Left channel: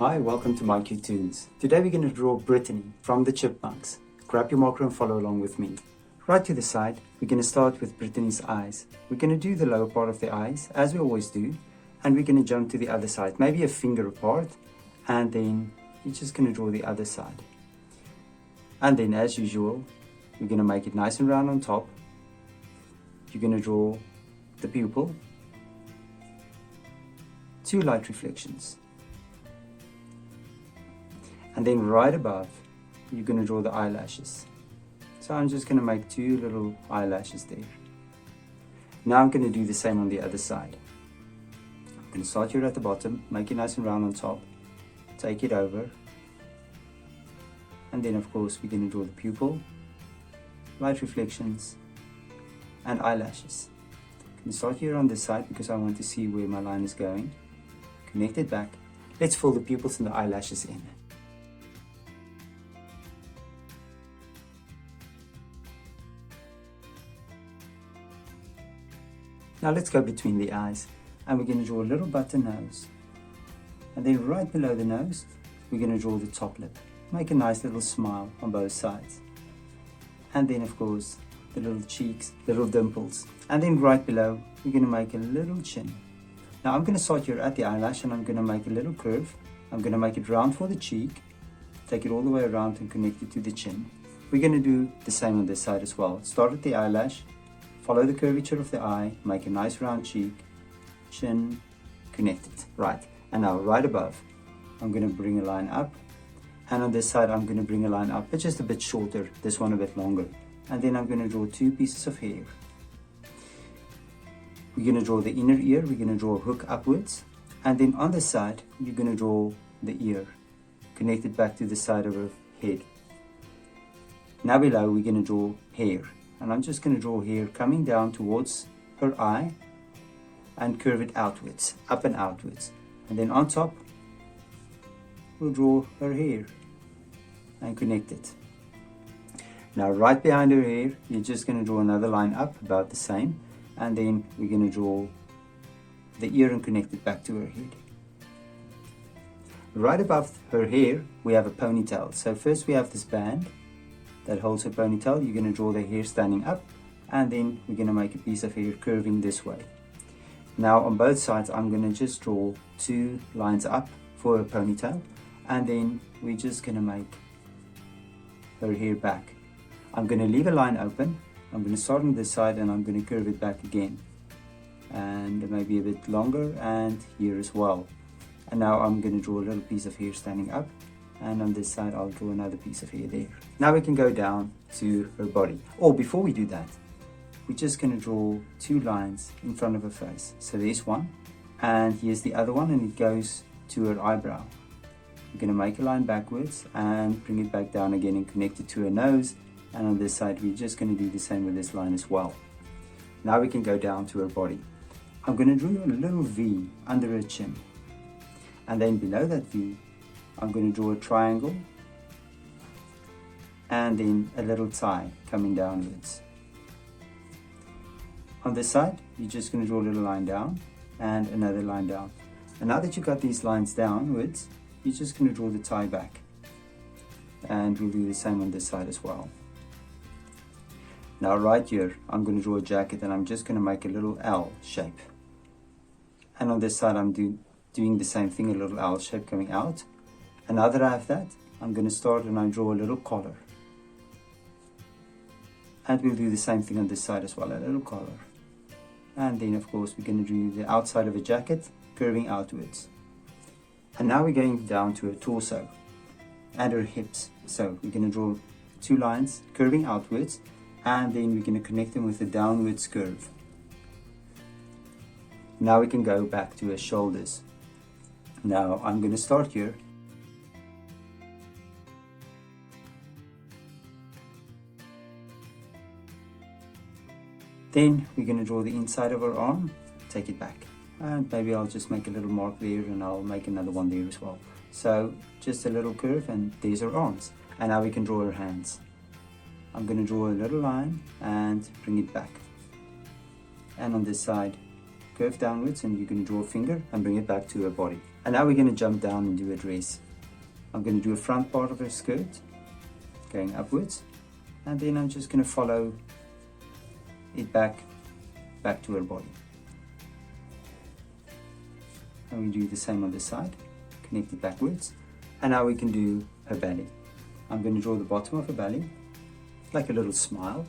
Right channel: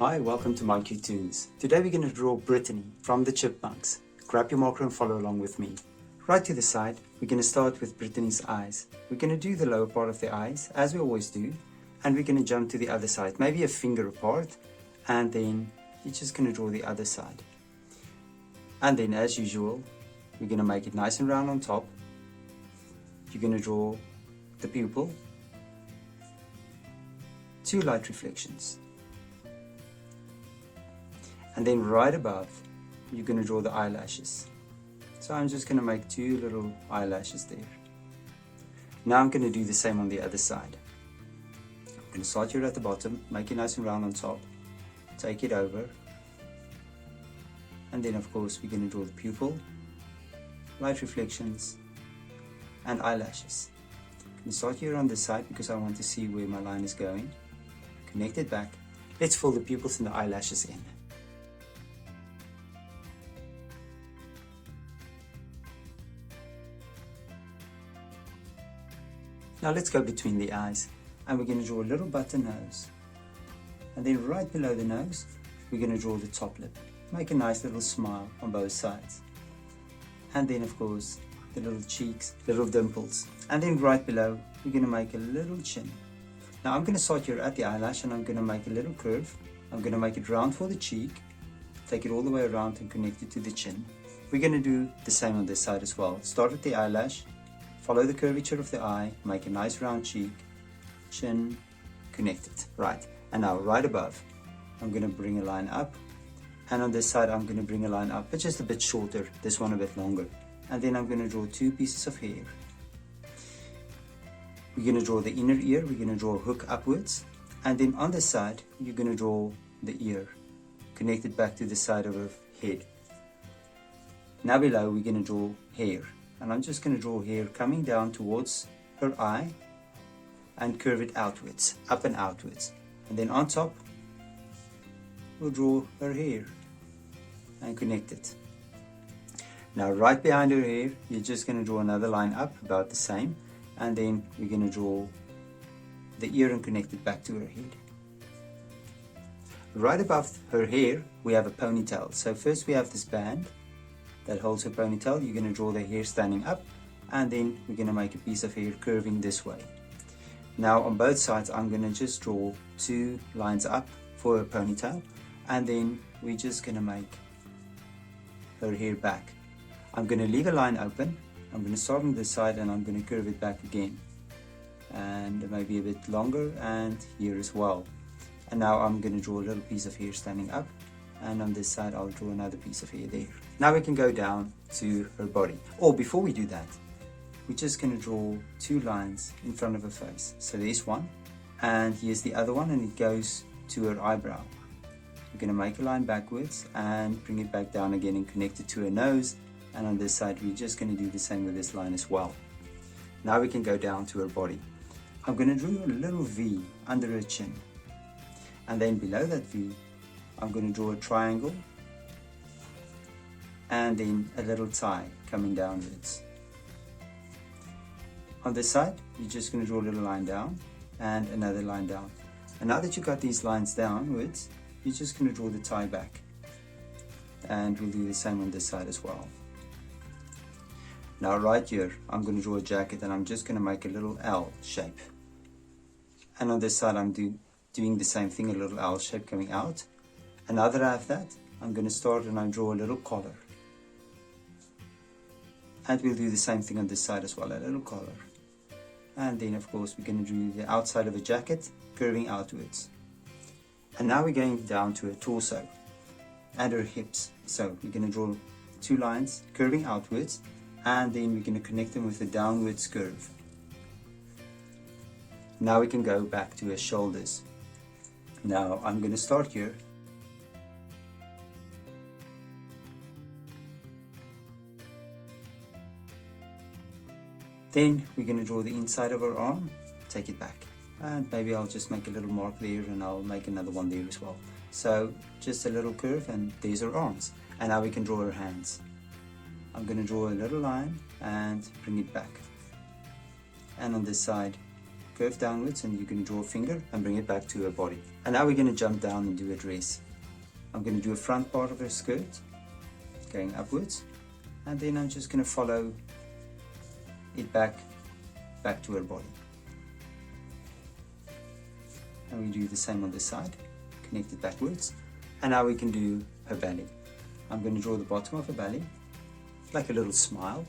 Hi, welcome to My Cute Tunes. Today we're going to draw Brittany from the Chipmunks. Grab your marker and follow along with me. Right to the side, we're going to start with Brittany's eyes. We're going to do the lower part of the eyes, as we always do, and we're going to jump to the other side, maybe a finger apart, and then you're just going to draw the other side. And then, as usual, we're going to make it nice and round on top. You're going to draw the pupil, two light reflections. And then right above, you're going to draw the eyelashes. So I'm just going to make two little eyelashes there. Now I'm going to do the same on the other side. I'm going to start here at the bottom, make it nice and round on top, take it over. And then of course we're going to draw the pupil, light reflections, and eyelashes. I'm going to start here on this side because I want to see where my line is going. Connect it back. Let's fill the pupils and the eyelashes in. Now let's go between the eyes, and we're going to draw a little button nose, and then right below the nose we're going to draw the top lip. Make a nice little smile on both sides, and then of course the little cheeks, little dimples, and then right below we're going to make a little chin. Now I'm going to start here at the eyelash, and I'm going to make a little curve. I'm going to make it round for the cheek, take it all the way around and connect it to the chin. We're going to do the same on this side as well. Start at the eyelash, follow the curvature of the eye, make a nice round cheek, chin, connect it. Right, and now right above, I'm going to bring a line up. And on this side, I'm going to bring a line up, but just a bit shorter, this one a bit longer. And then I'm going to draw two pieces of hair. We're going to draw the inner ear, we're going to draw a hook upwards. And then on this side, you're going to draw the ear, connect it back to the side of her head. Now below, we're going to draw hair. And I'm just going to draw here coming down towards her eye and curve it outwards, up and outwards. And then on top, we'll draw her hair and connect it. Now right behind her hair, you're just going to draw another line up, about the same. And then we're going to draw the ear and connect it back to her head. Right above her hair, we have a ponytail. So first we have this band that holds her ponytail. You're going to draw the hair standing up, and then we're going to make a piece of hair curving this way. Now on both sides, I'm going to just draw two lines up for her ponytail, and then we're just going to make her hair back. I'm going to leave a line open. I'm going to start on this side, and I'm going to curve it back again, and maybe a bit longer, and here as well. And now I'm going to draw a little piece of hair standing up, and on this side I'll draw another piece of hair there. Now we can go down to her body. Oh, before we do that, we're just going to draw two lines in front of her face. So there's one, and here's the other one, and it goes to her eyebrow. We're going to make a line backwards and bring it back down again and connect it to her nose. And on this side we're just going to do the same with this line as well. Now we can go down to her body. I'm going to draw a little V under her chin, and then below that V I'm going to draw a triangle, and then a little tie coming downwards. On this side, you're just going to draw a little line down and another line down. And now that you've got these lines downwards, you're just going to draw the tie back. And we'll do the same on this side as well. Now right here, I'm going to draw a jacket, and I'm just going to make a little L shape. And on this side, I'm doing the same thing, a little L shape coming out. And now that I have that, I'm going to start and I draw a little collar. And we'll do the same thing on this side as well, a little collar. And then of course we're going to do the outside of the jacket, curving outwards. And now we're going down to her torso and her hips. So we're going to draw two lines curving outwards, and then we're going to connect them with a downwards curve. Now we can go back to her shoulders. Now I'm going to start here. Then we're going to draw the inside of her arm, take it back. And maybe I'll just make a little mark there, and I'll make another one there as well. So just a little curve, and there's her arms. And now we can draw her hands. I'm going to draw a little line and bring it back. And on this side, curve downwards, and you're going to draw a finger and bring it back to her body. And now we're going to jump down and do a dress. I'm going to do a front part of her skirt going upwards, and then I'm just going to follow it back to her body. And we do the same on this side, connect it backwards. And now we can do her belly. I'm going to draw the bottom of her belly like a little smile,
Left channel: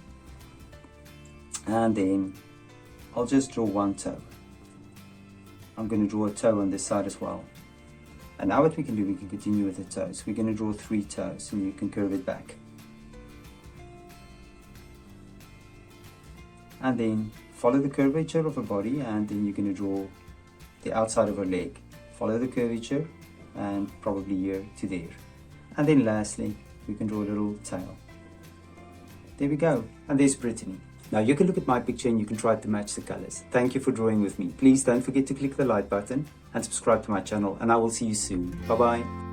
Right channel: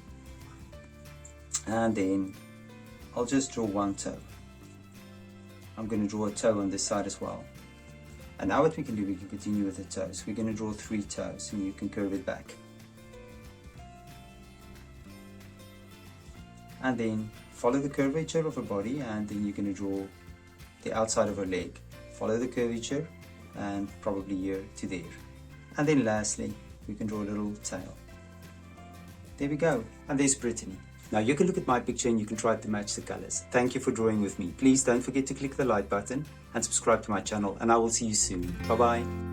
and then I'll just draw one toe. I'm going to draw a toe on this side as well. And now what we can do, we can continue with the toes. We're going to draw 3 toes, and you can curve it back. And then follow the curvature of her body, and then you're going to draw the outside of her leg. Follow the curvature, and probably here to there. And then lastly, we can draw a little tail. There we go. And there's Brittany. Now you can look at my picture and you can try to match the colors. Thank you for drawing with me. Please don't forget to click the like button and subscribe to my channel, and I will see you soon. Bye bye.